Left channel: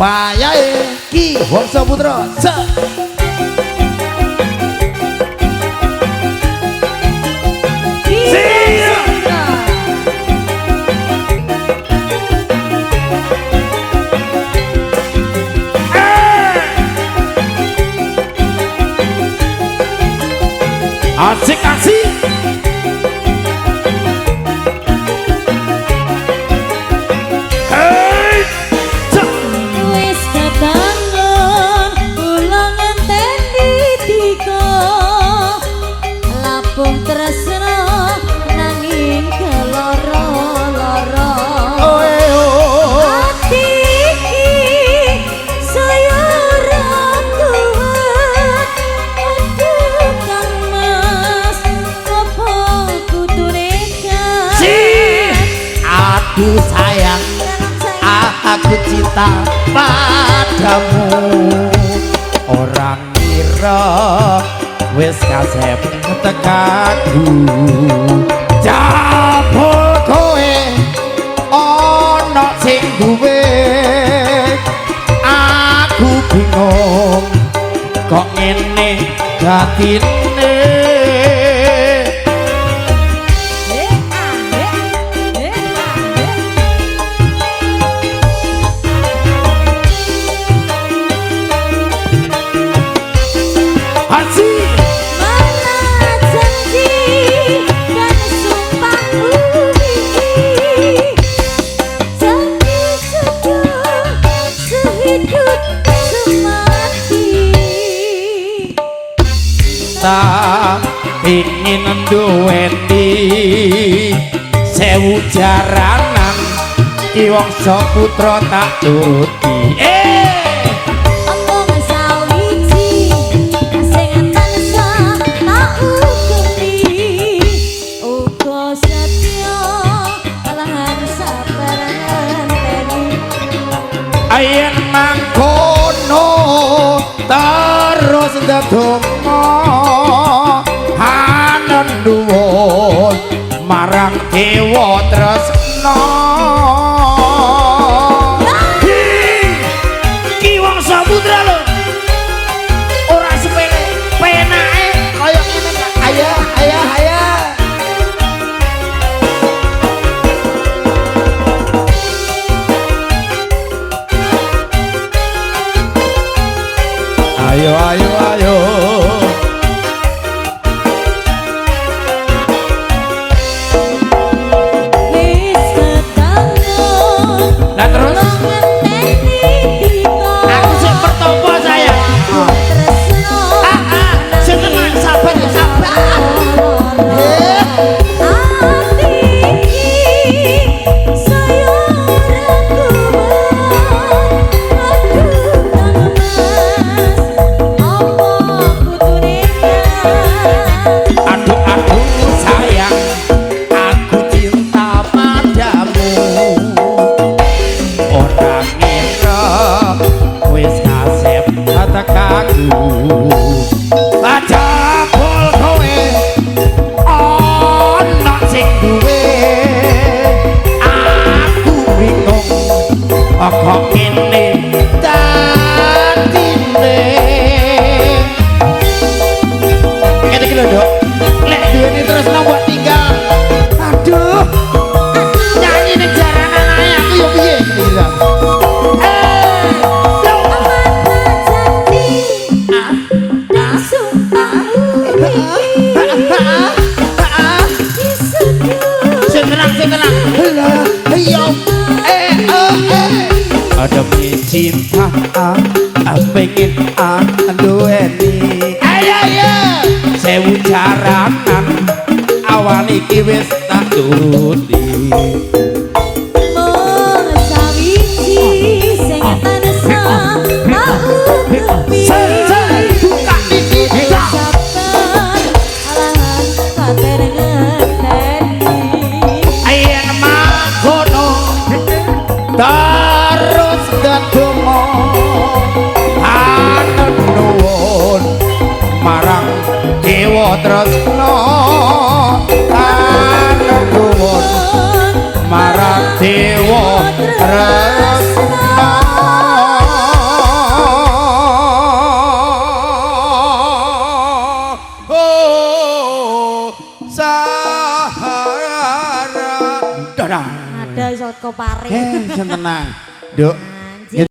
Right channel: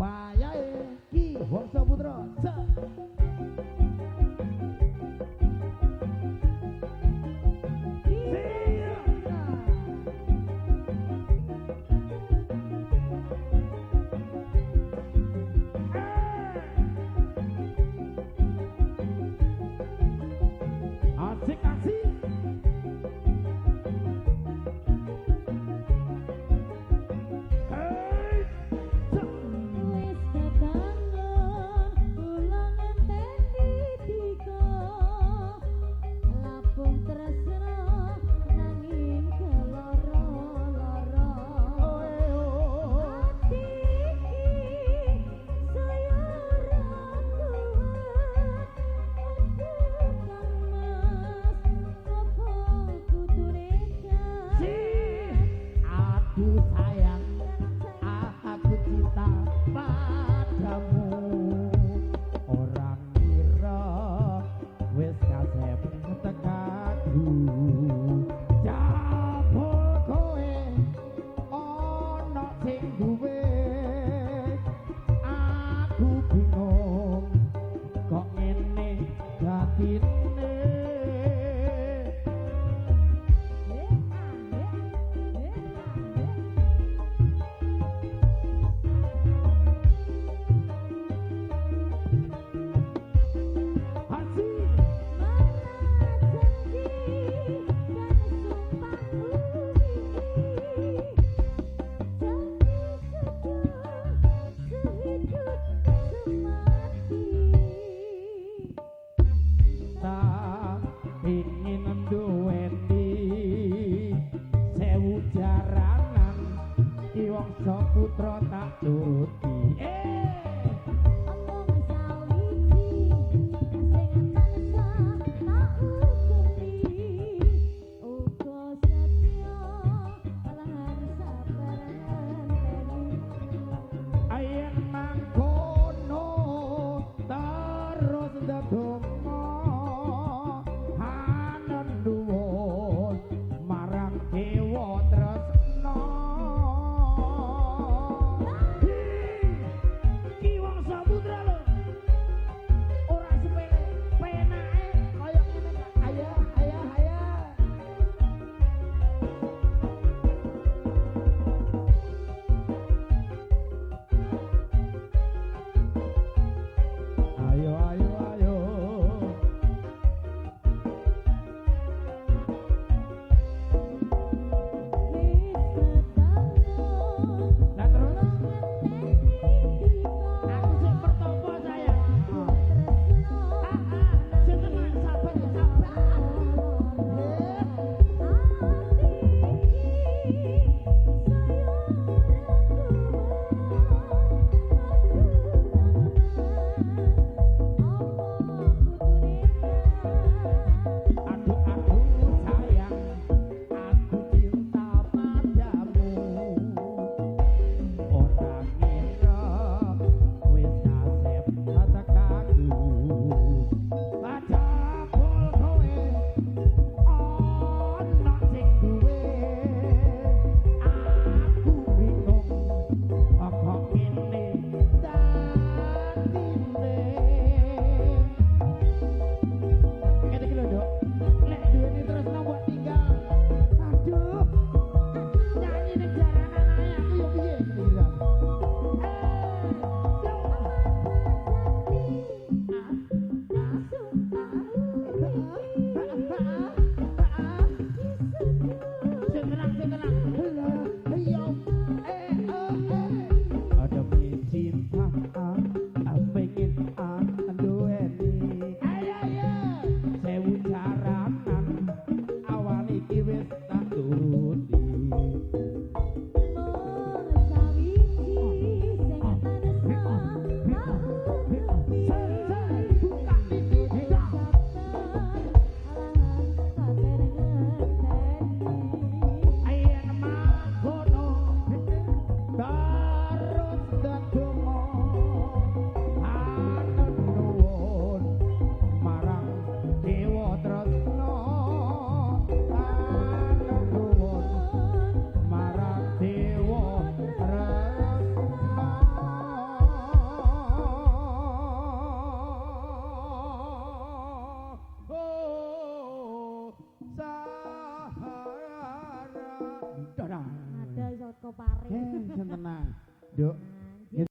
wayahe Ki Wangsa Putra. Asik asik. Wis ketangon kula ngenteni dika lapung tresna nanging keloro-loro ati iki saya ora kuat aduh Kang Mas apa kudune Aduh sayang, aku cinta padamu. Orang kira wis kasep tekaku. Jabul kowe ana sing duwe. Aku bingung kok ngene datine. Ingin duweni sewu jaranan Ki Wangsa Putra tak turuti. Omong sawiji sing tansah tak ukumi uga setya lan sabar ngenteni Ayen mangkono terus ndedonga hanenduwun marang Dewa Tresna. Ki Wangsa Putra lho ora sepele penake kaya ngene Kak. Ayo ayo ayo ayo ayo ayo wis ketangon lah terus ngenteni dika aku sik pertopo sayang. tresna Sing tenang sabar ya sabar. ati iki saya ora kuat aduh Kang Mas apa kudune Aduh aduh sayang, aku cinta padamu. Orang ngira wis kasep tekaku. Jabul kowe ana sing duwe. Aku bingung kok ngene datine. Ngene iki lho, Dok. Lek duweni terus nombok tinggal. Aduh. Nyanyi ning jaranan ae aku yo piye iki lho. Sing tenang, sing tenang. Lah, iya. Ada cinta, pengen duweni. Ayo ayo. Sewu jaranan awan iki wis tak turuti. Mung sawiji sing tansah tak ukumi Buka iki sabar lan sabar ngenteni ayen mangkono terus ndedonga hanenduwun marang Dewa Tresna hanenduwun ora. Ada iso kepare. Sen tenang. Duk,